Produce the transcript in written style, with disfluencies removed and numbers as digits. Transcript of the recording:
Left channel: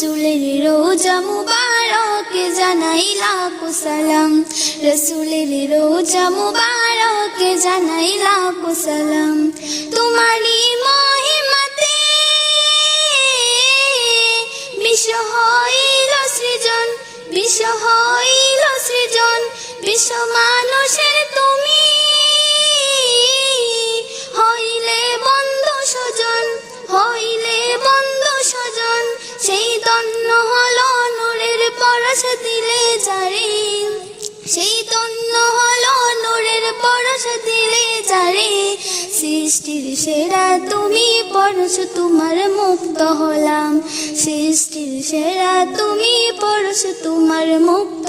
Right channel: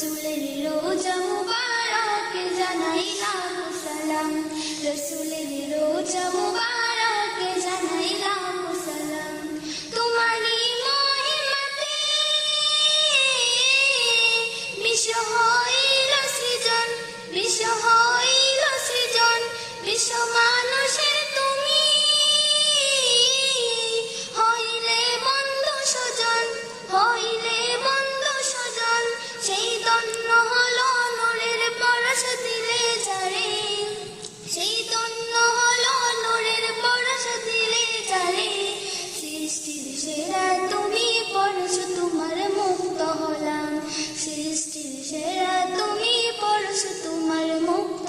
রসুলের রোজা মুবারকে জানাই লাখো সালাম, রসুলের রোজা মুবারকে জানাই লাখো সালাম। তোমারই মহিমাতে বিশ্ব হইল সৃজন, বিশ্ব হইল সৃজন, বিশ্ব মানুষের তুমি হইলে বন্ধু স্বজন, হইলে বন্ধু স্বজন। সেই ধন্য হলো নূরের পরশ দিলে যারে, সেই ধন্য হলো নূরের পরশ দিলে যারে। সৃষ্টির সেরা তুমি পরশ তোমার মুক্ত হলাম, সৃষ্টির সেরা তুমি পরশ তোমার মুক্ত